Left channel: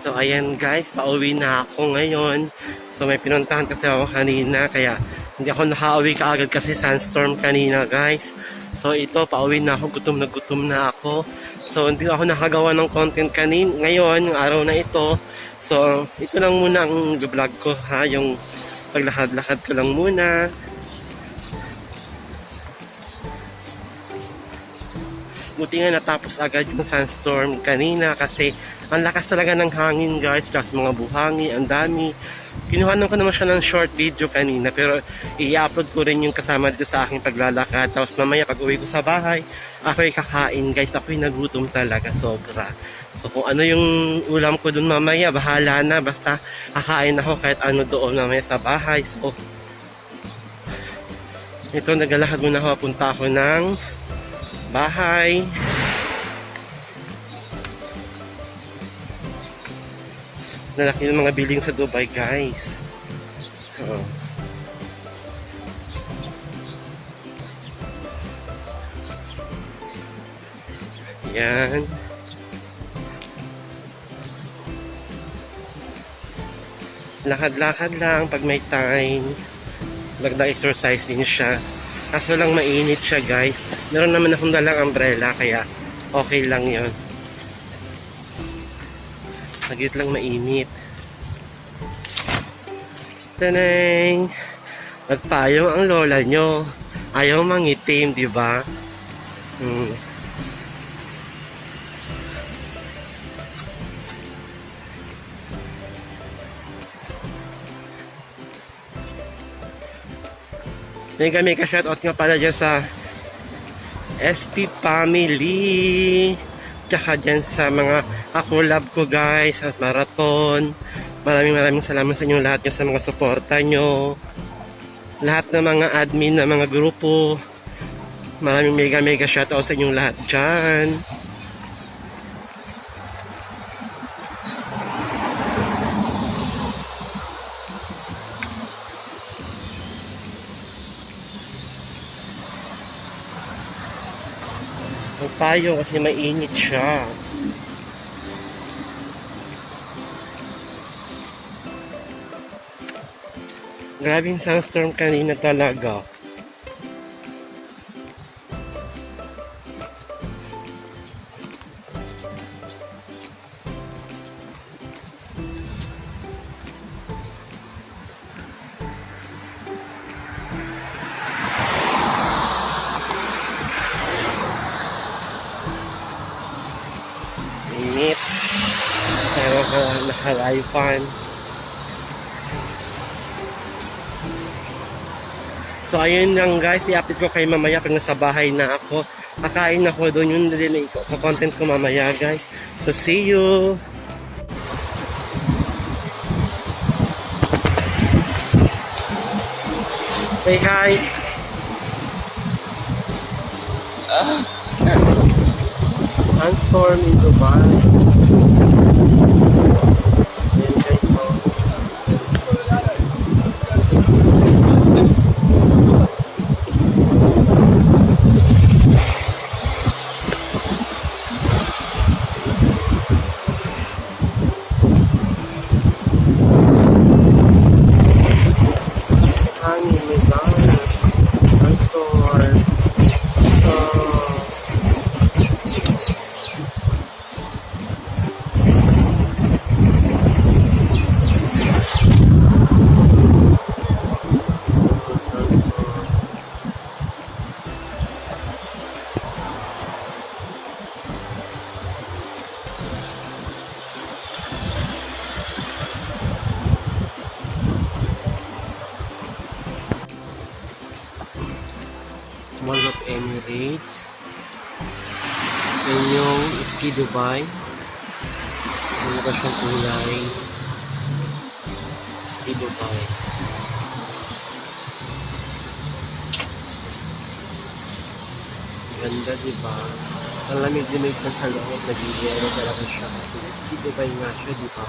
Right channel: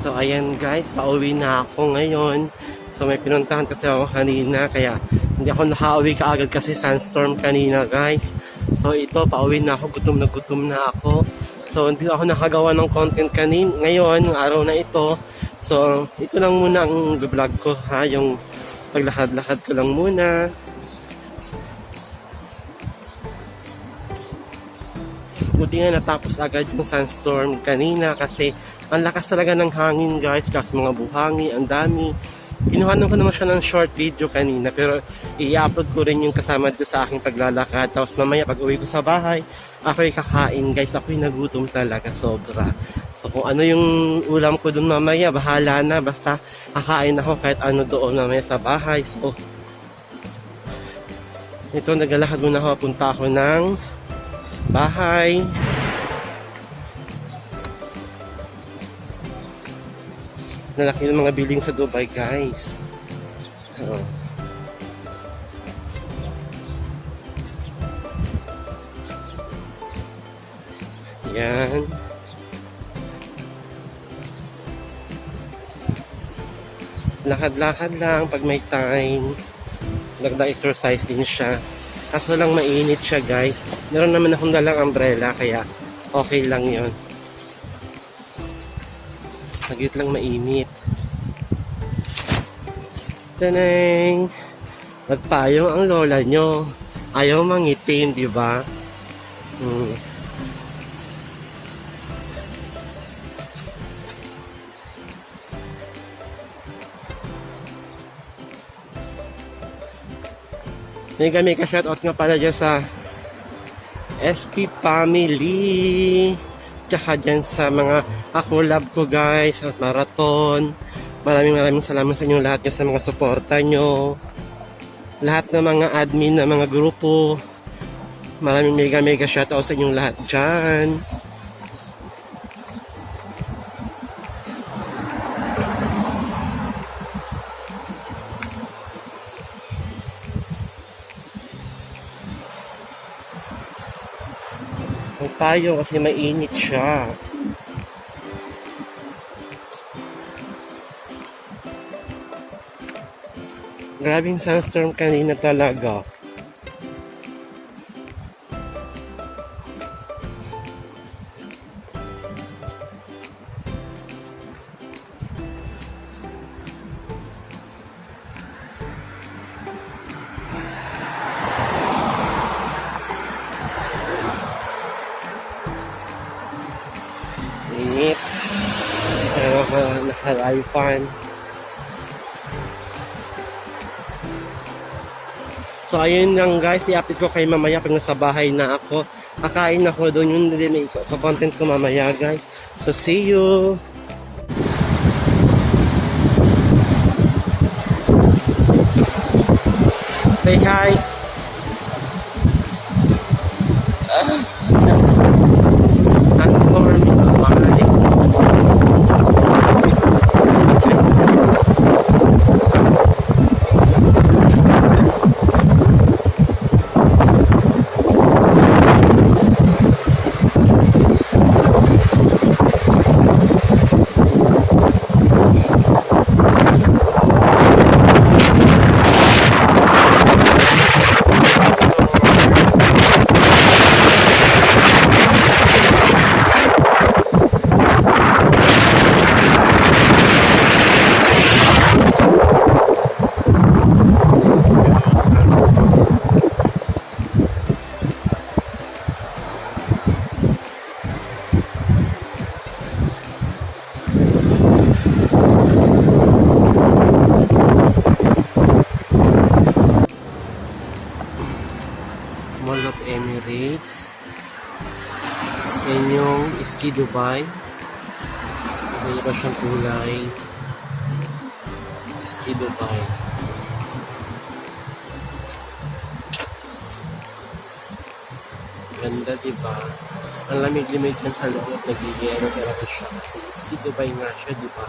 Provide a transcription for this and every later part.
So ayan guys, pauwi na ako ngayon. So may pinuntahan kasi ako kanina, kaya hindi ako nakauwi kaagad kasi sandstorm kanina guys. So ito, pauwi na ako, gutom na ako. So hindi ako nakagawa ng content ngayon, yung araw na ito. So ito lang muna ang vlog ko ha, yung paglakad-lakad ko lang muna. Buti nga natapos agad yung sandstorm kanina kasi ang lakas talaga ng hangin guys, kasi mga buhangi, ang dami. Kinuhanan ko naman siya ng short video kanina, pero i-upload ko rin yung kasama dito sa aking paglalakad. Tapos mamaya pag uwi ko sa bahay, ako'y kakain guys, ako'y nagutom talaga sobra. So kung ano yung ulam ko dun mamaya, bahala na, basta kakain ako kahit ano doon mamaya sa bahay. So ito, naglalakad muna ako, punta ako ng bahay. Nalaki ng mga building sa Dubai guys. Yan. Lakad-lakad lang pag may time. Nagda-exercise din siya. Kaso lang mainit siya guys. Meron naman akong dalang umbrella, kaya okay lang yon. Saglit lang mainit. Taneng! Nagpayong ang lola nyo. Ayaw mangitim, di ba? Mega shoutout nga pala dyan sa SP family, tsaka dyan sa mga collab ko guys at marathon. Maraming salamat sa inyo lahat sa mga suporta nyo, lahat ng mga admin ng mga grupo. Maraming mega shoutout sa inyong lahat dyan. Tayo kasi mainit siya. Grabing sandstorm kanina talaga. Init. Pero naka-live-fan. So ayun lang guys, i-update ko kayo mamaya pag nasa bahay na ako. Kakain ako doon, yun din yung content ko mamaya guys. So see you! Say hi! Sandstorm in Dubai. Mall of Emirates. Yan yung Ski Dubai. Ano ba siyang kulay? Ski Dubai. Ganda, diba? Ang lamig-lamig na sa loob. Nagigiyero talaga siya kasi Ski Dubai nga siya, diba?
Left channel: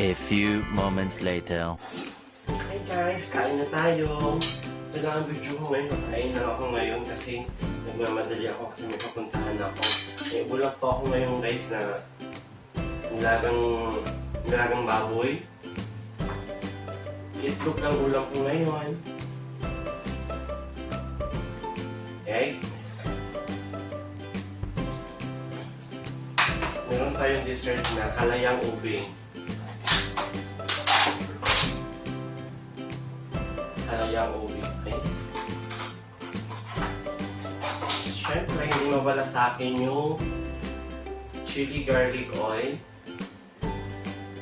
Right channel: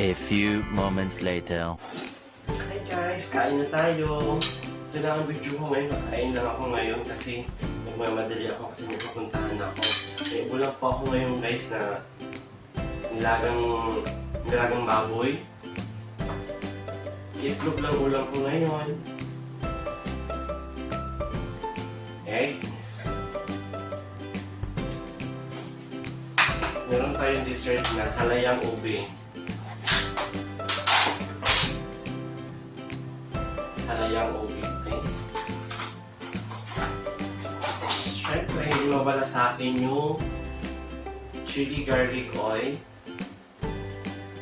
A few moments later. Hey guys, kain na tayo. Ito na ang video ko ngayon. Kain na ako ngayon kasi nagmamadali ako kasi may papuntahan ako. Eh, ulam po ako ngayon guys na nilagang baboy. Itlog lang ulam ko ngayon. Egg. Meron tayong dessert na halayang ube. Halayang ube, guys. Siyempre, hindi mawala sa akin yung chili garlic oil.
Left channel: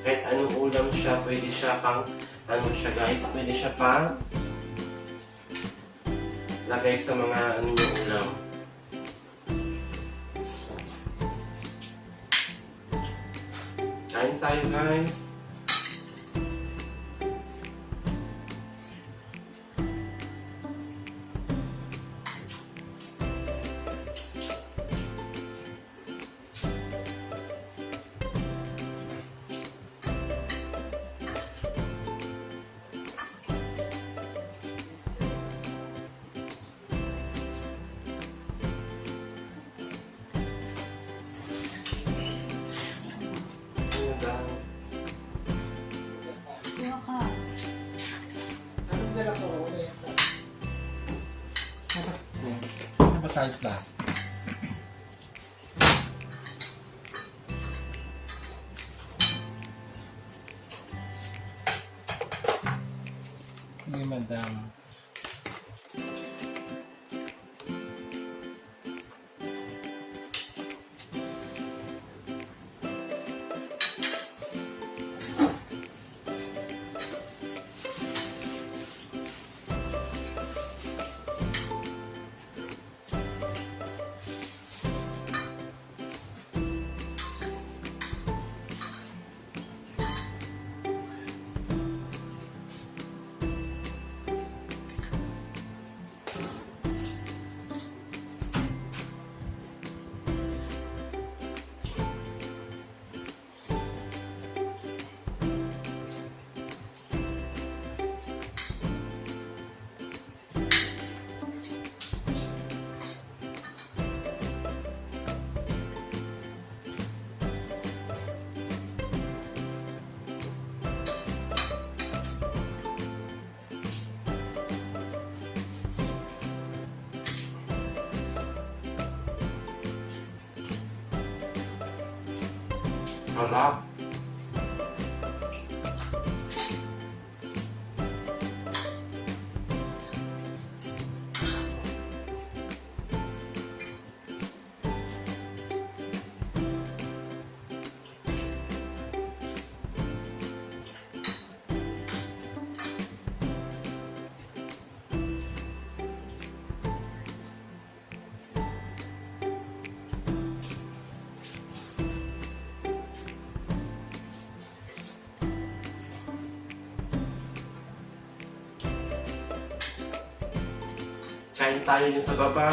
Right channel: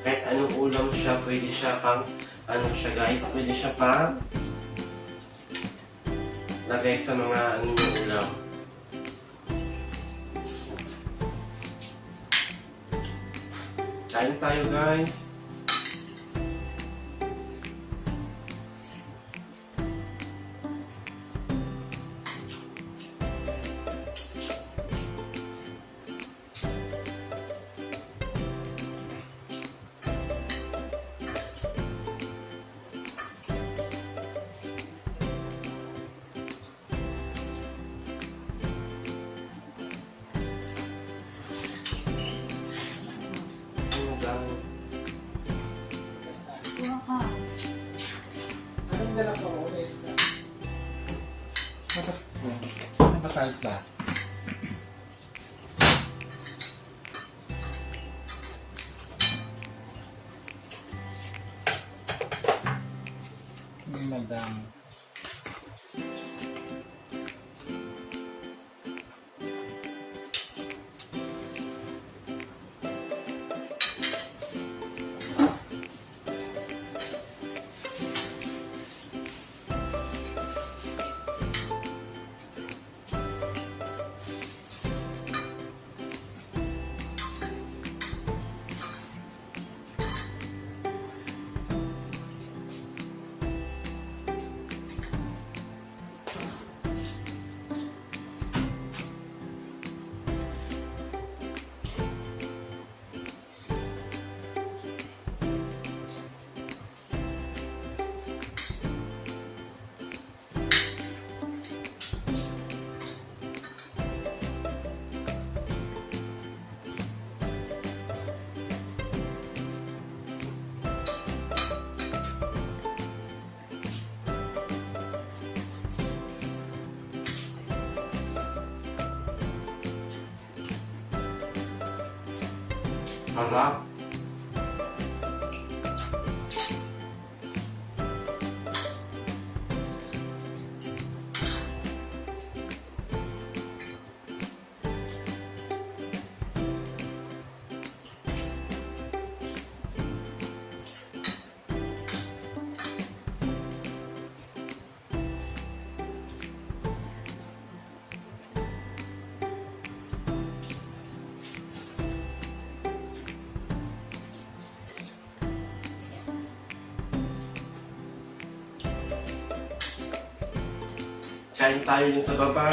Kahit anong ulam siya, pwede siya pang, ano siya guys, pwede siya pang lagay sa mga ano yung ulam. Kain tayo guys. Plus. May madam. Sarap. Kain tayo din sa baba.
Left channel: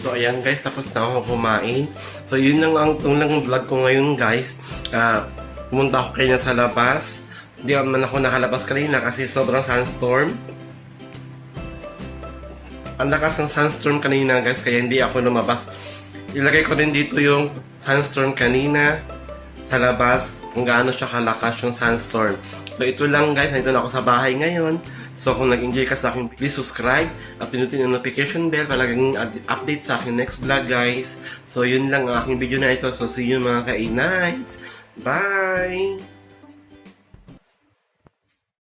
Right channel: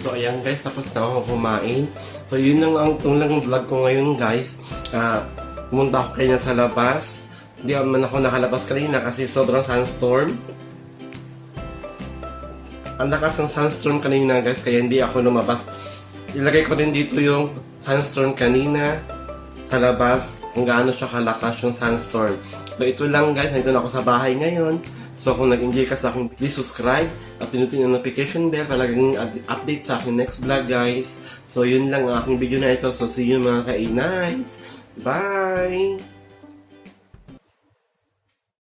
So ayan guys, tapos na ako kumain. So yun lang ang lang vlog ko ngayon guys. Pumunta ako kanina sa labas. Hindi naman ako nakalabas kanina kasi sobrang sandstorm. Ang lakas ng sandstorm kanina guys, kaya hindi ako lumabas. Ilagay ko din dito yung sandstorm kanina sa labas, kung gaano siya kalakas yung sandstorm. So ito lang guys, nandito na ako sa bahay ngayon. So kung nag-enjoy ka sa akin, please subscribe at pinutin yung notification bell para laging update sa akin next vlog guys. So yun lang ang aking video na ito. So see you mga ka-nights. Bye!